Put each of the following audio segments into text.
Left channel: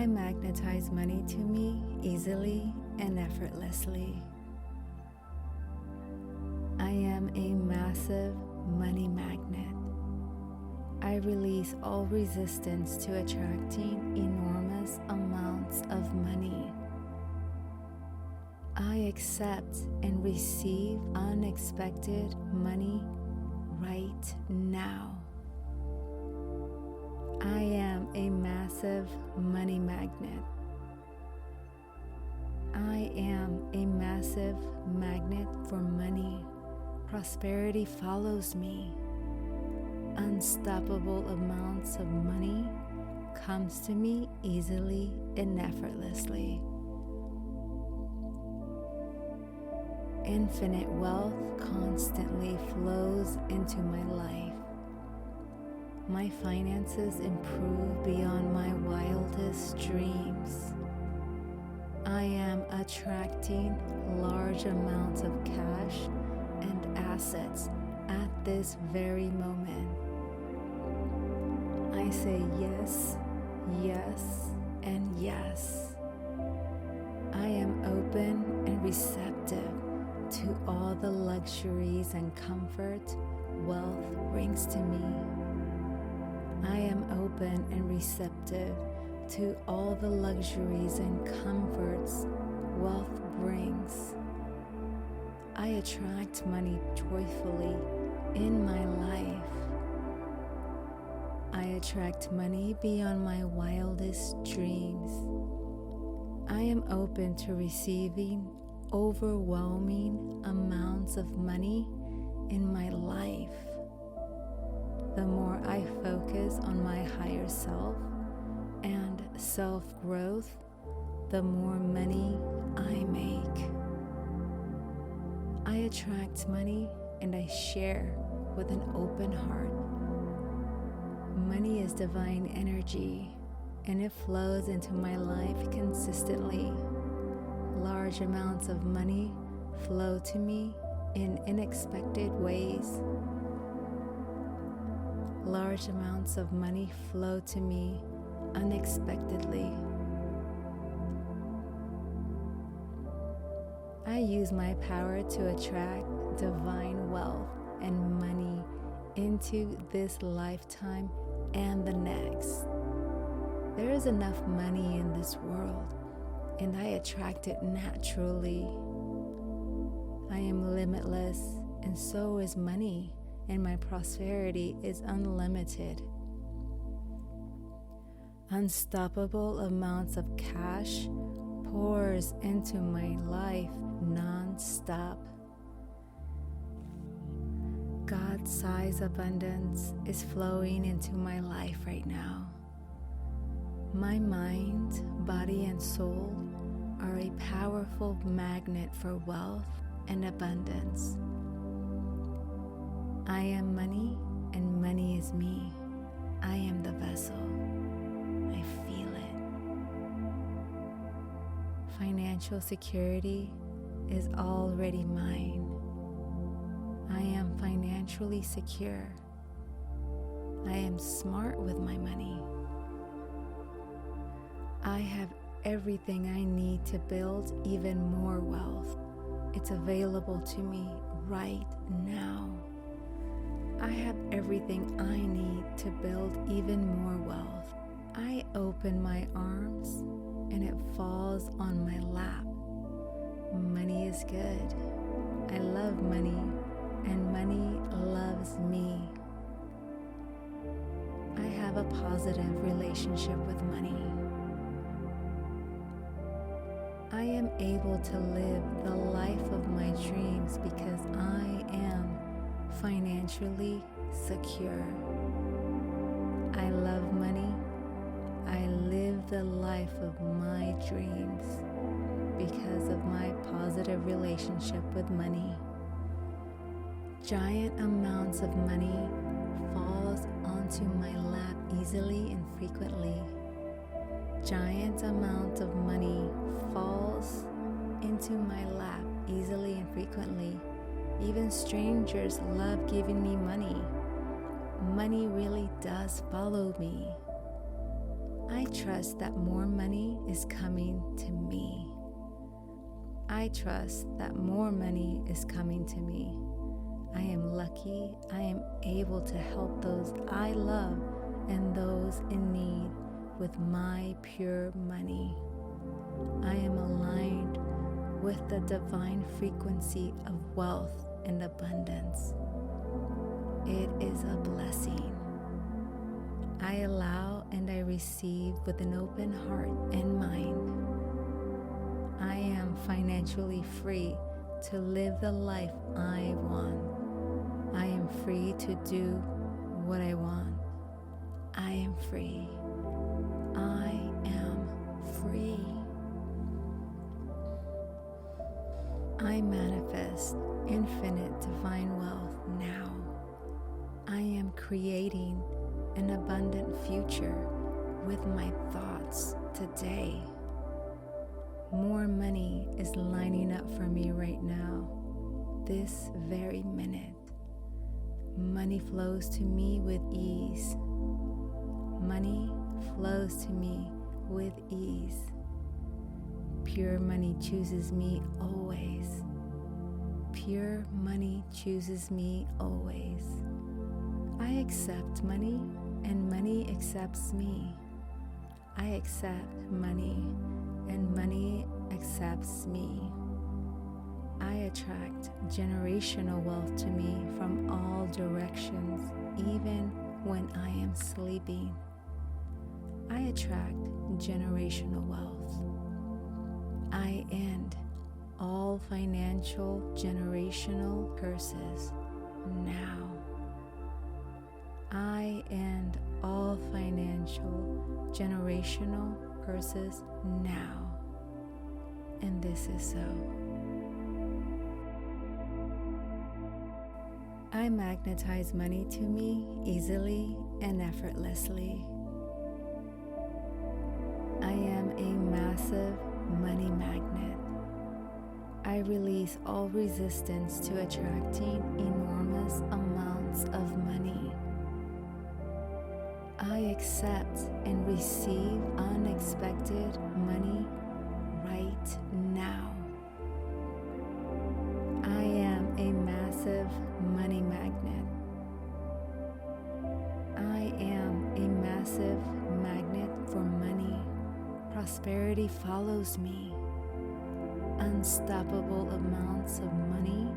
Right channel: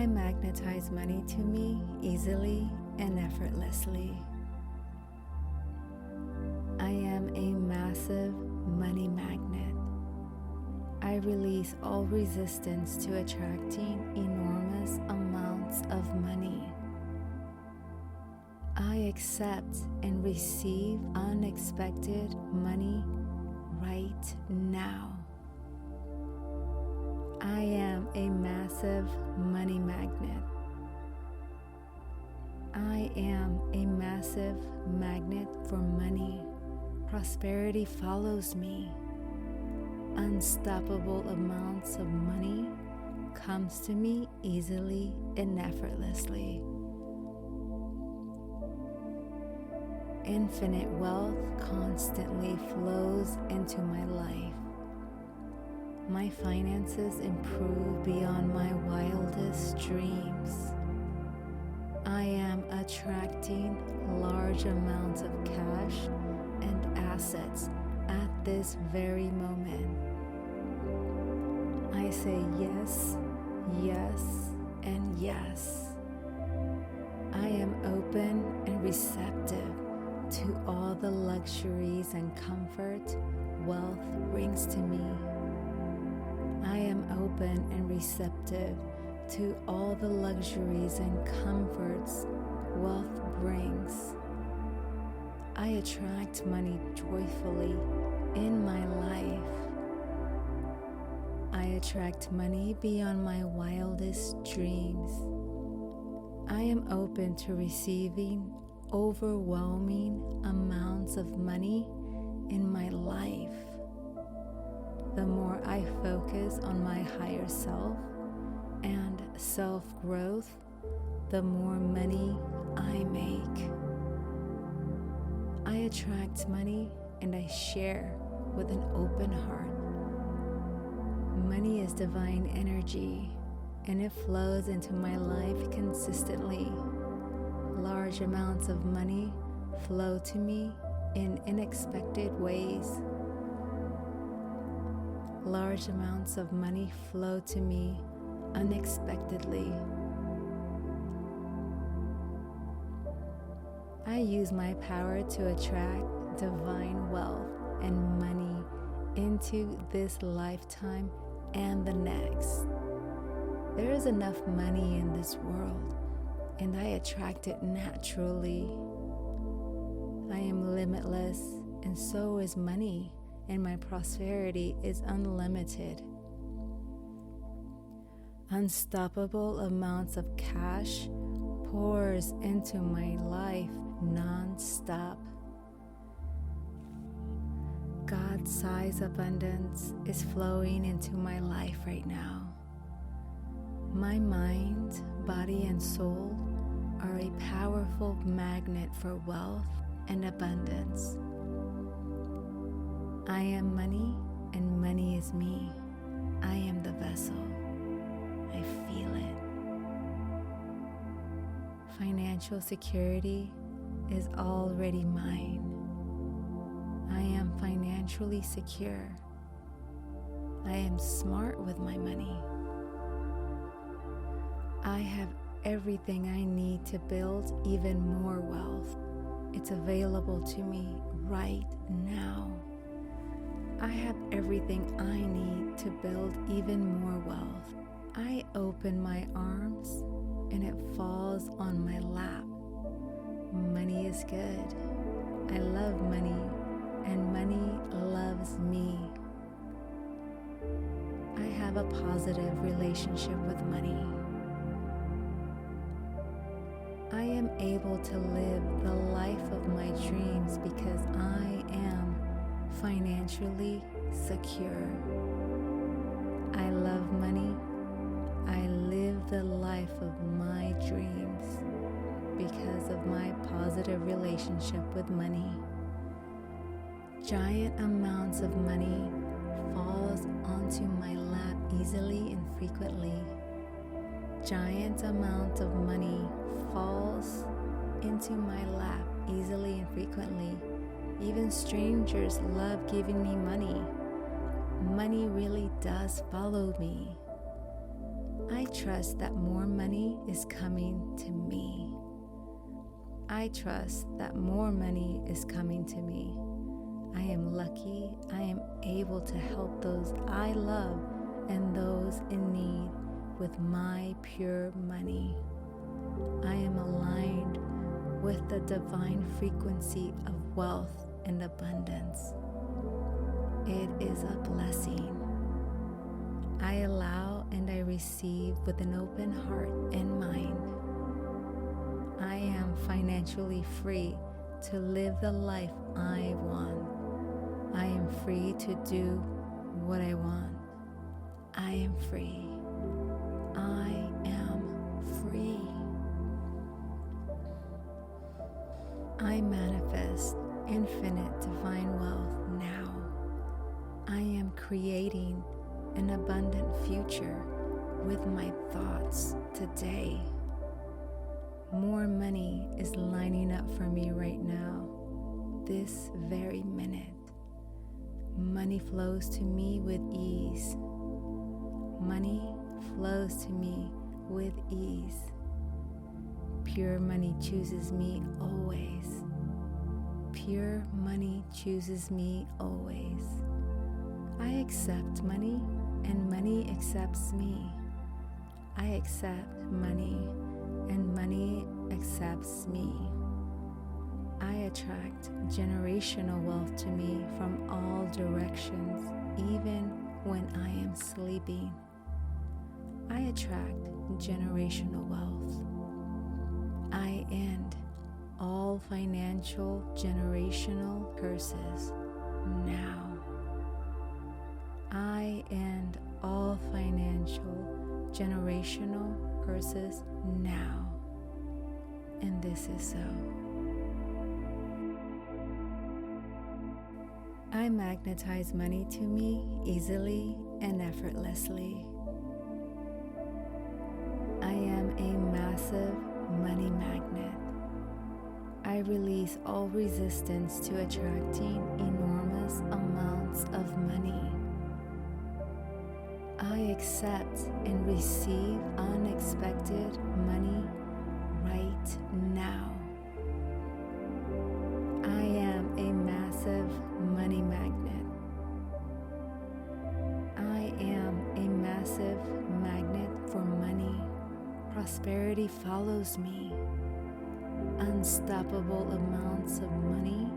I magnetize money to me easily and effortlessly. I am a massive money magnet. I release all resistance to attracting enormous amounts of money. I accept and receive unexpected money right now. I am a massive money magnet. I am a massive magnet for money. Prosperity follows me. Unstoppable amounts of money comes to me easily and effortlessly. Infinite wealth constantly flows into my life. My finances improve beyond my wildest dreams. I am attracting large amounts of cash and assets at this very moment. I say yes, yes, and yes. I am open and receptive to all the luxuries and comfort wealth brings to me. I am open and receptive to all the luxuries and comforts wealth brings. I attract money joyfully in my life. I attract money beyond my wildest dreams. I am open to receiving overwhelming amounts of money in my life. The more I focus on my higher self and self-growth, the more money I make. I attract money and I share with an open heart. Money is divine energy and it flows into my life consistently. Large amounts of money flow to me in unexpected ways. Large amounts of money flow to me unexpectedly. I use my power to attract divine wealth and money into this lifetime and the next. There is enough money in this world, and I attract it naturally. I am limitless, and so is money, and my prosperity is unlimited. Unstoppable amounts of cash pours into my life non-stop. God-sized abundance is flowing into my life right now. My mind, body, and soul are a powerful magnet for wealth and abundance. I am money, and money is me. I am the vessel. I feel it. Financial security is already mine. I am financially secure. I am smart with my money. I have everything I need to build even more wealth. It's available to me right now. I have everything I need to build even more wealth. I open my arms and it falls on my lap. Money is good. I love money, and money loves me. I have a positive relationship with money. I am able to live the life of my dreams because I am financially secure. I love money. I live the life of my dreams because of my positive relationship with money. Giant amounts of money falls onto my lap easily and frequently. Giant amount of money falls into my lap easily and frequently. Even strangers love giving me money. Money really does follow me. I trust that more money is coming to me. I trust that more money is coming to me. I am lucky. I am able to help those I love and those in need with my pure money. I am aligned with the divine frequency of wealth and abundance. It is a blessing. I allow and I receive with an open heart and mind. I am financially free to live the life I want. I am free to do what I want. I am free. I am free. I manifest infinite divine wealth now. I am creating an abundant future with my thoughts today. More money is lining up for me right now, this very minute. Money flows to me with ease. Money flows to me with ease. Pure money chooses me always. Pure money chooses me always. I accept money and money accepts me. I accept money and money accepts me. I attract generational wealth to me from all directions, even when I am sleeping. I attract generational wealth. I end all financial generational curses now. I end all financial generational curses now. And this is so. I magnetize money to me easily and effortlessly. I am a massive money magnet. I release all resistance to attracting enormous amounts of money. I accept and receive unexpected money right now. I am a massive money magnet. I am a massive magnet for money. Prosperity follows me. Unstoppable amounts of money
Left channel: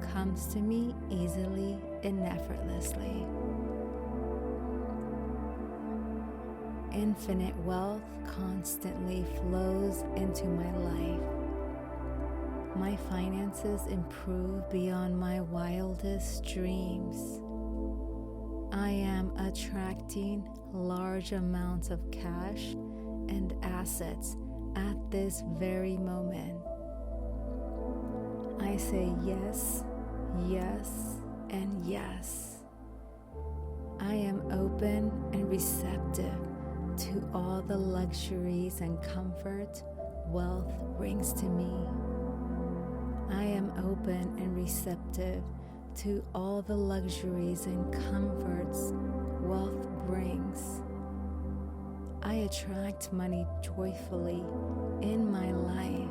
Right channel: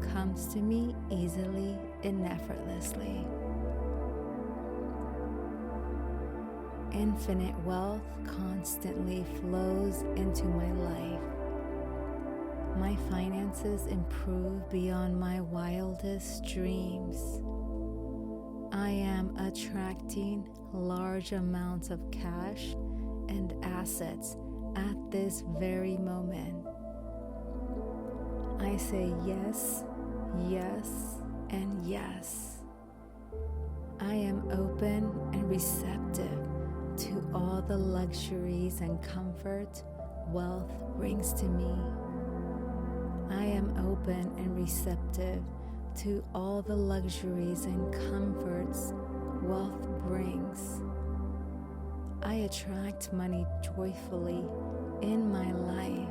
comes to me easily and effortlessly. Infinite wealth constantly flows into my life. My finances improve beyond my wildest dreams. I am attracting large amounts of cash and assets at this very moment. I say yes, yes, and yes. I am open and receptive to all the luxuries and comfort wealth brings to me. I am open and receptive to all the luxuries and comforts wealth brings. I attract money joyfully in my life.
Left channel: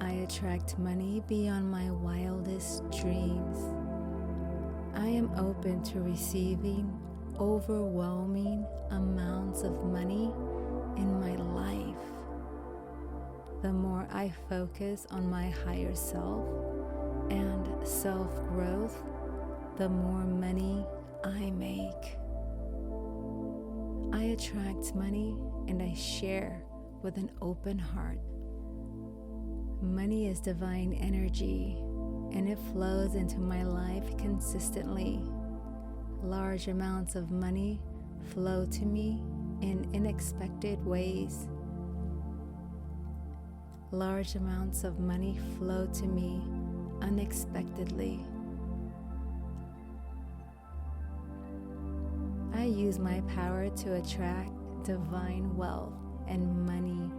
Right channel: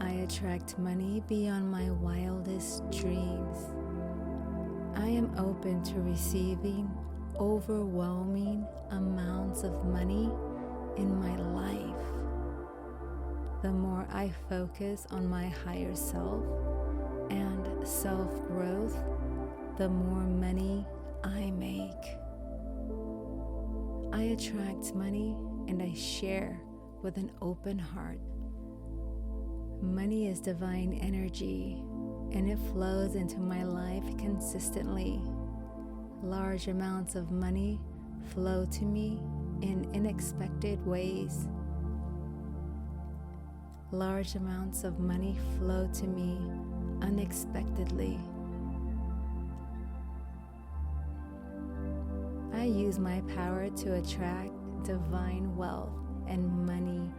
I attract money beyond my wildest dreams. I am open to receiving overwhelming amounts of money in my life. The more I focus on my higher self and self-growth, the more money I make. I attract money and I share with an open heart. Money is divine energy and it flows into my life consistently. Large amounts of money flow to me in unexpected ways. Large amounts of money flow to me unexpectedly. I use my power to attract divine wealth and money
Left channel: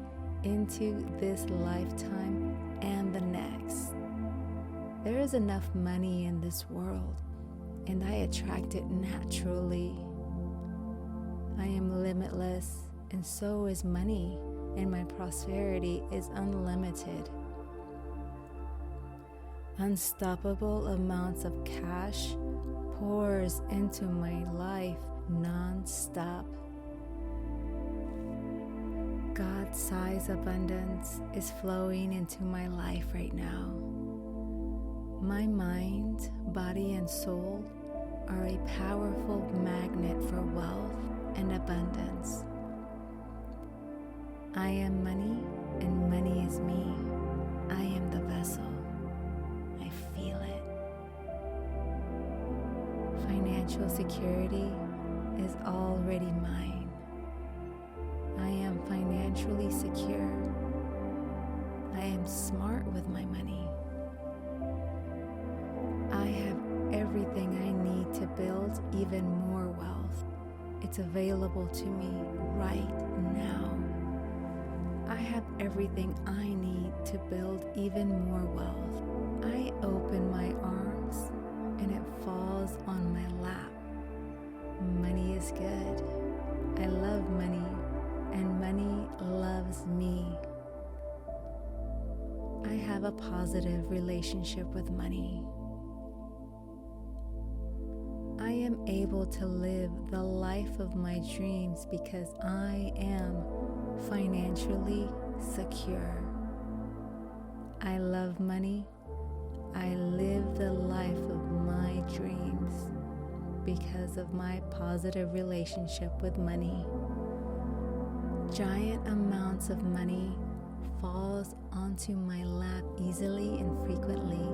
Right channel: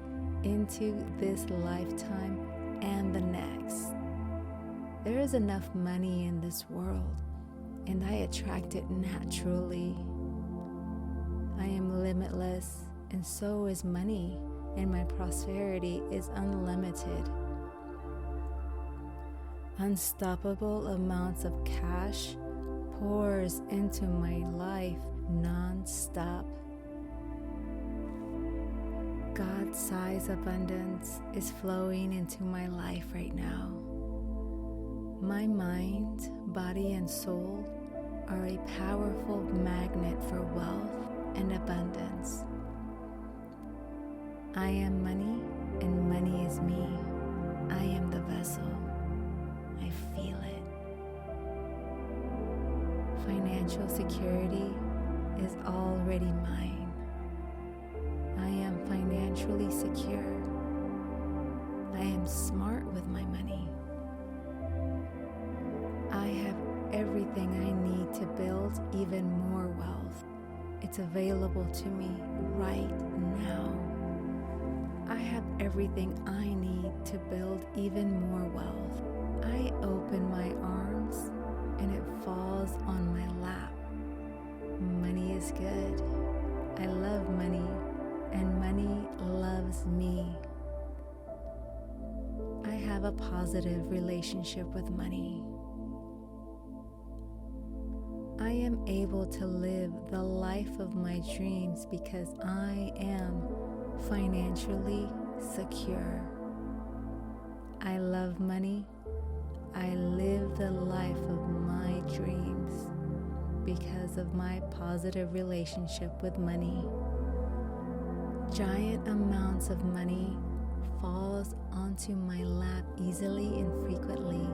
into this lifetime and the next. There is enough money in this world, and I attract it naturally. I am limitless, and so is money, and my prosperity is unlimited. Unstoppable amounts of cash pours into my life non-stop. God-sized abundance is flowing into my life right now. My mind, body, and soul are a powerful magnet for wealth and abundance. I am money, and money is me. I am the vessel. I feel it. Financial security is already mine. I am financially secure. I am smart with my money. I have everything I need to build even more wealth. It's available to me right now. I have everything I need to build even more wealth. I open my arms and it falls on my lap. Money is good. I love money, and money loves me. I have a positive relationship with money. I am able to live the life of my dreams because I am financially secure. I love money. I live the life of my dreams because of my positive relationship with money. Giant amounts of money falls onto my lap easily and frequently